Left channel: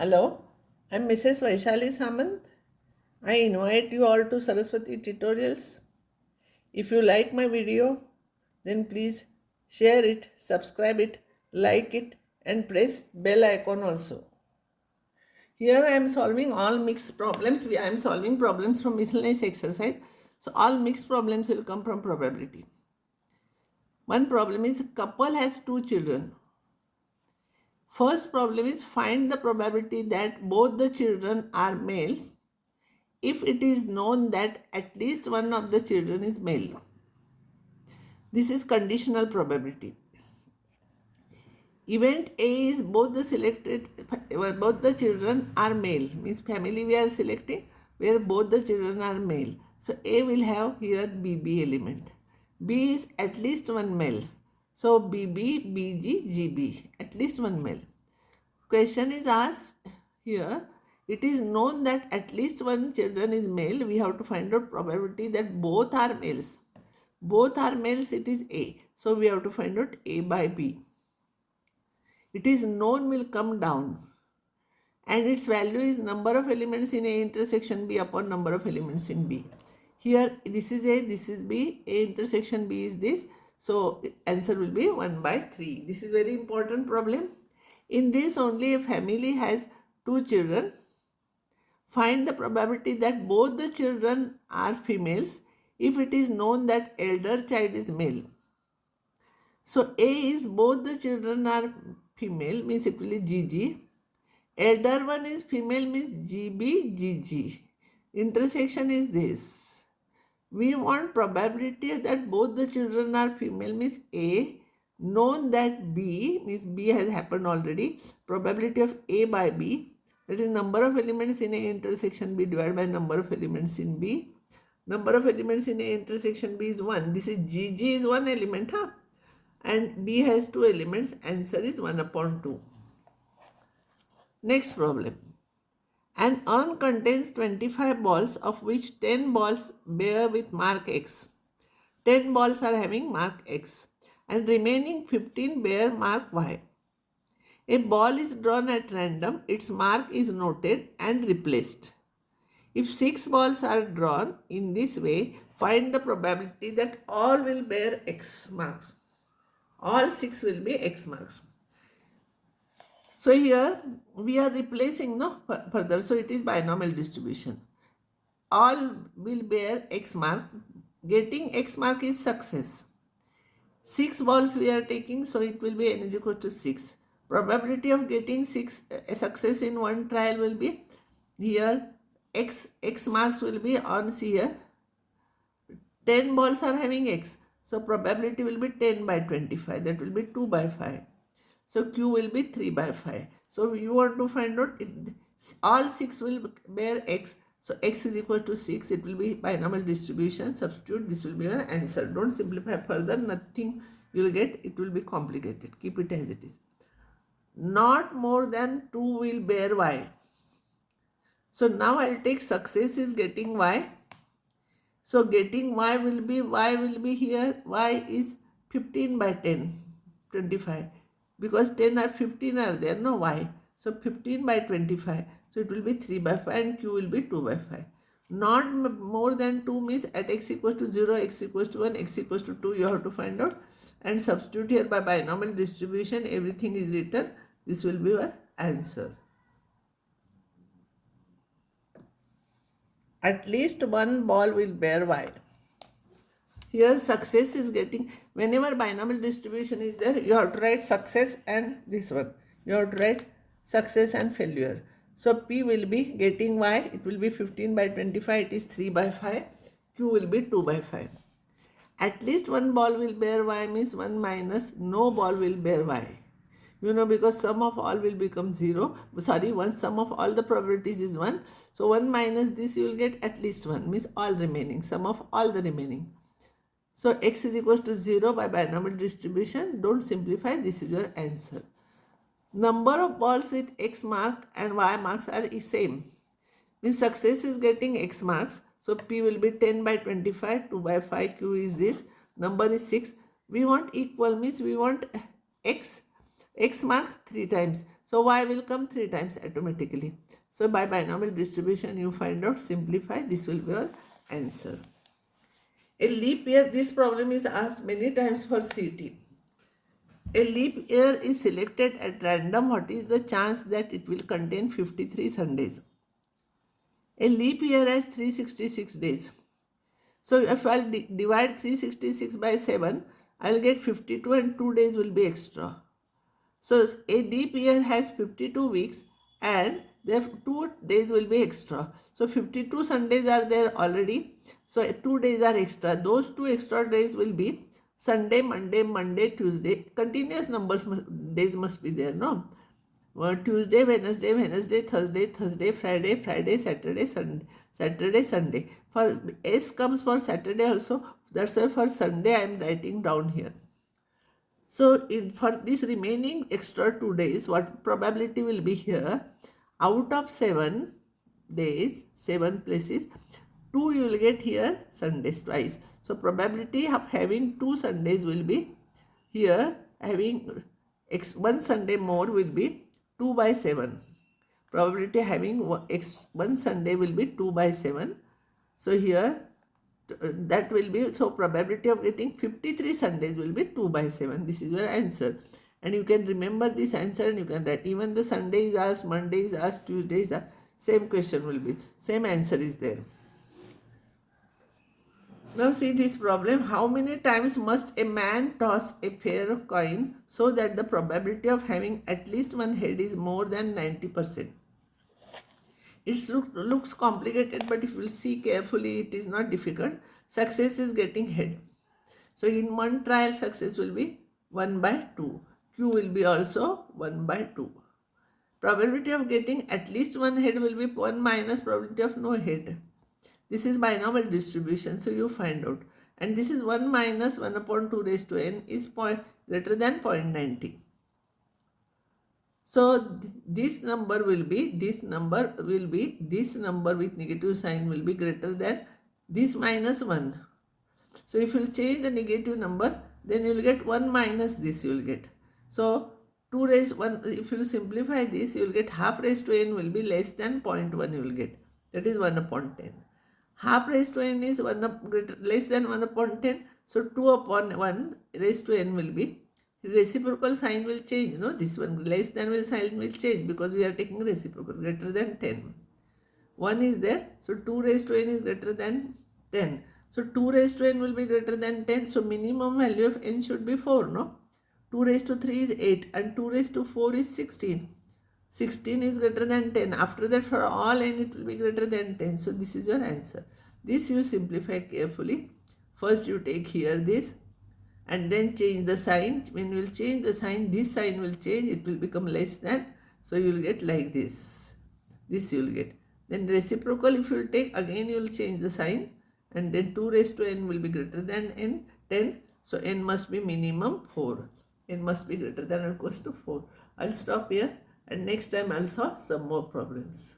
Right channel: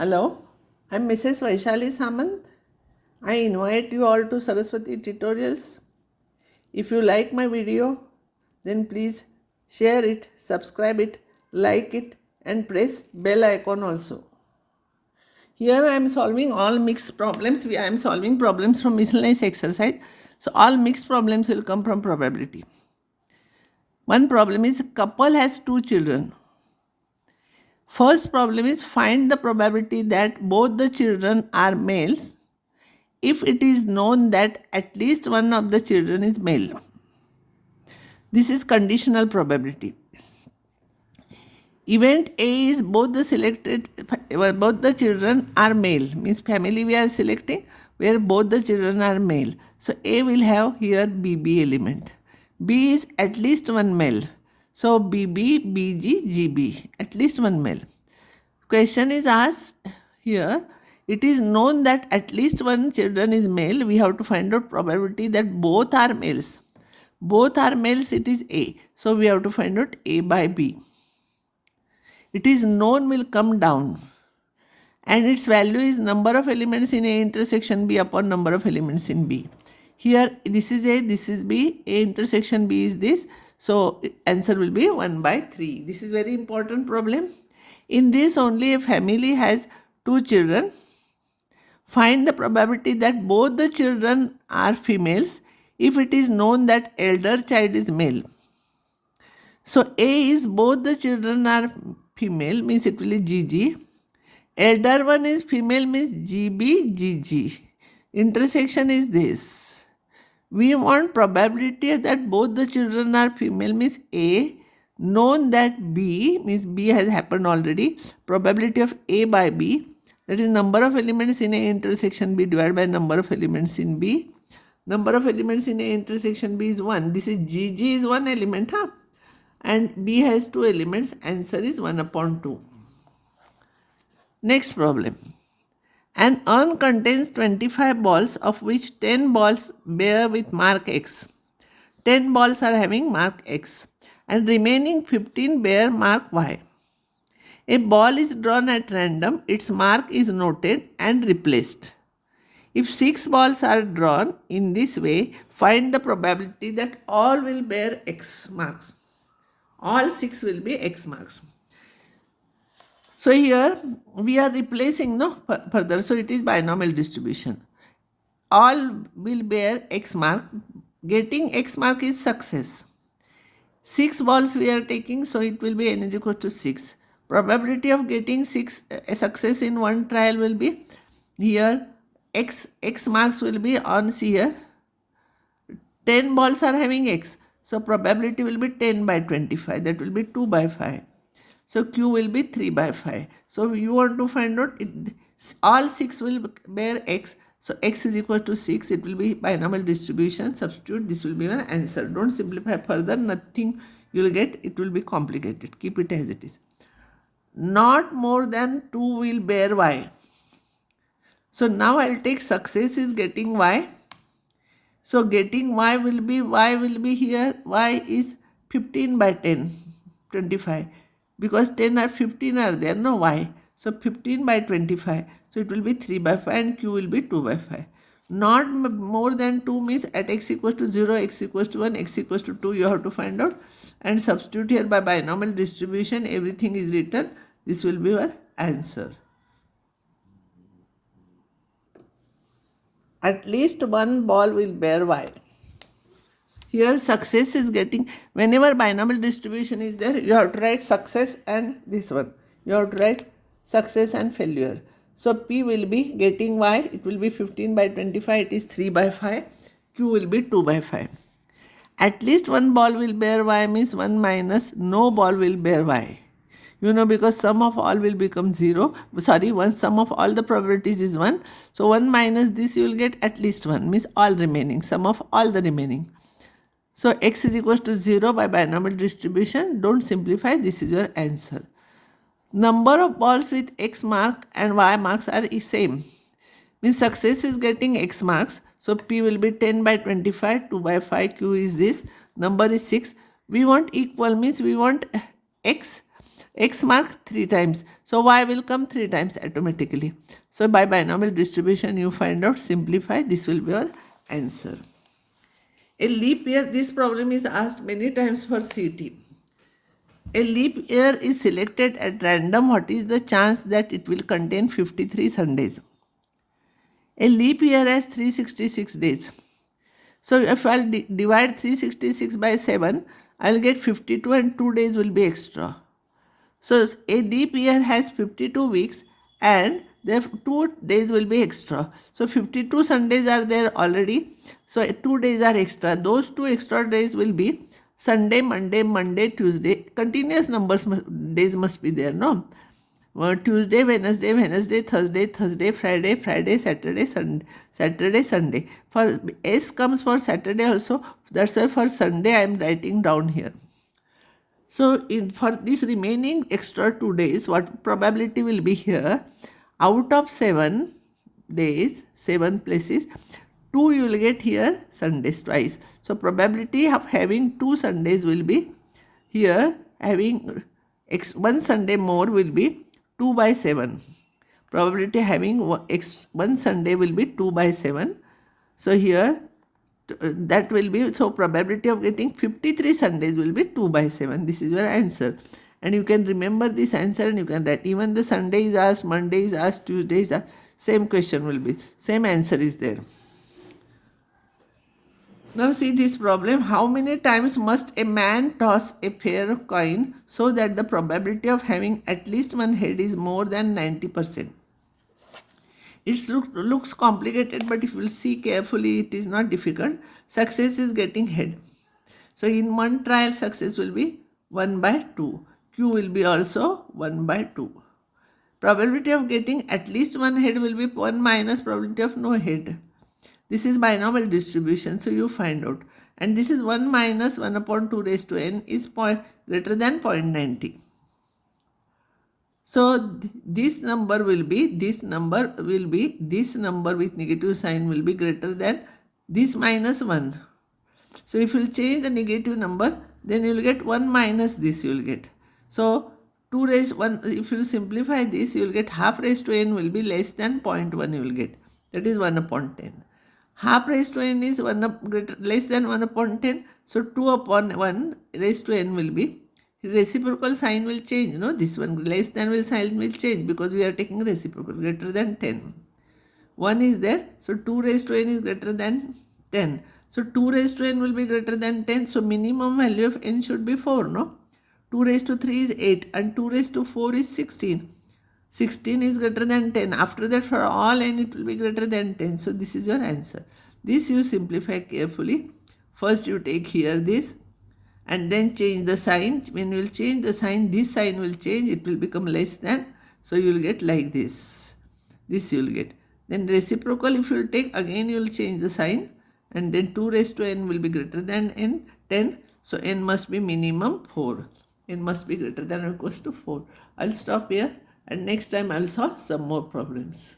Hello, I'm Mrs. Vaishali Samant. I invite you all to Saraswati Tutorials. If you like my video, then please share it, subscribe it, like it, and press bell icon also. Here I am solving all mixed problems. I am solving problems from miscellaneous exercise. So all mixed problems will come from probability. One problem is couple has 2 children. First problem is find the probability that both the children are males if it is known that at least one of the children is male. This is conditional probability. Event A is both the children are male, means family we are selecting where both the children are male. So A will have here BB element. B is at least one male. So BB, BG, GB, at least one male. Question is asked here. It is known that at least one children is male. We have to find out probability that both are males. Both are males, it is A. So we have to find out A by B. It is known will come down. And its value is number of elements in A intersection B upon number of elements in B. Here this is A, this is B. A intersection B is this. So answer will be 1 by 3. This is very important problem. In this only a family has 2 children. Find the probability that both the children are females if it is known that elder child is male. So A is both the children are female, means it will be GG. Elder one is female, means GB, GG. Intersection is this. We want probability that both the children are female, means A. Known that B, means B has happened already. Probability of A by B, that is number of elements in A intersection B divided by number of elements in B. Number of elements in A intersection B is 1. This is GG is 1 element, and B has 2 elements. Answer is 1 upon 2. Next problem. An urn contains 25 balls, of which 10 balls bear with mark X. 10 balls are having mark X, and remaining 15 bear mark Y. A ball is drawn at random, its mark is noted and replaced. If 6 balls are drawn in this way, find the probability that all will bear X marks. All 6 will be X marks. So here we are replacing further. So it is binomial distribution. All will bear X mark. Getting X mark is success. 6 balls we are taking, so it will be n is equal to 6. Probability of getting success in one trial will be here X marks will be on here. 10 balls are having X. So probability will be 10 by 25. That will be 2 by 5. So Q will be 3 by 5. So you want to find out all 6 will bear X. So X is equal to 6. It will be binomial distribution. Substitute. This will be an answer. Don't simplify further. Nothing you will get. It will be complicated. Keep it as it is. Not more than 2 will bear Y. So now I will take success is getting Y. So getting Y will be here. Y is 15 by 10, 25. Because 10 or 15 are there, no Y. So 15 by 25. So it will be 3 by 5 and Q will be 2 by 5. Not more than 2 means at X equals to 0, X equals to 1, X equals to 2 you have to find out. And substitute here by binomial distribution. Everything is written. This will be your answer. At least one ball will bear Y. Here success is getting, whenever binomial distribution is there, you have to write success and this one. You have to write success and failure. So P will be getting Y. It will be 15 by 25. It is 3 by 5. Q will be 2 by 5. At least one ball will bear Y means 1 minus no ball will bear Y. You know, because sum of all will become 0. Sorry, sum of all the probabilities is 1. So 1 minus this you will get at least 1 means all remaining. Sum of all the remaining. So X is equals to 0 by binomial distribution. Don't simplify. This is your answer. Number of balls with X mark and Y marks are same. Means success is getting X marks. So P will be 10 by 25. 2 by 5. Q is this. Number is 6. We want equal means we want X X mark 3 times. So y will come 3 times automatically. So by binomial distribution you find out, simplify, this will be your answer. A leap year, this problem is asked many times for CT. A leap year is selected at random. What is the chance that it will contain 53 Sundays? A leap year has 366 days. So if I'll divide 366 by 7, I'll get 52 and 2 days will be extra. So a leap year has 52 weeks and the 2 days will be extra. So 52 Sundays are there already. So 2 days are extra. Those 2 extra days will be Sunday, Monday, Tuesday. Continuous numbers days must be there, no? Tuesday, Wednesday, Thursday, Friday, Saturday, Sunday. For S comes for Saturday also. That's why for Sunday I am writing down here. So for this remaining extra 2 days, what probability will be here? Out of 7 days, 7 places, 2 you will get here Sundays twice. So probability of having 2 Sundays will be here, having 1 Sunday more will be 2 by 7. Probability having 1 Sunday will be 2 by 7. So here that will be, so probability of getting 53 Sundays will be 2 by 7. This is your answer. And you can remember this answer and you can write. Even the Sunday is asked, Monday is asked, Tuesday is asked, same question will be, same answer is there. Now see this problem. How many times must a man toss a pair of coin so that the probability of having at least one head is more than 90%? It looks complicated, but if you will see carefully, it is not difficult. Success is getting head. So in one trial, success will be 1 by 2. Q will be also 1 by 2. Probability of getting at least one head will be 1 minus probability of no head. This is binomial distribution, so you find out. And this is 1 minus 1 upon 2 raised to n is greater than 0.90. So this number with negative sign will be greater than this minus 1. So if you will change the negative number, then you will get 1 minus this you will get. So 2 raised 1, if you simplify this, you will get half raised to n will be less than 0.1 you will get. That is 1 upon 10. Half raised to n is less than 1 upon 10. So 2 upon 1 raised to n will be, reciprocal sign will change, this one less than sign will change because we are taking reciprocal, greater than 10. 1 is there, so 2 raised to n is greater than 10. So 2 raised to n will be greater than 10, so minimum value of n should be 4, no? 2 raised to 3 is 8 and 2 raised to 4 is 16. 16 is greater than 10. After that, for all n it will be greater than 10. So this is your answer. This you simplify carefully. First you take here this and then change the sign. When you will change the sign, this sign will change. It will become less than. So you will get like this. This you will get. Then reciprocal, if you will take, again you will change the sign. And then 2 raised to n will be greater than n, 10. So n must be minimum 4. N must be greater than or equals to 4. I'll stop here. And next time I'll solve some more problems.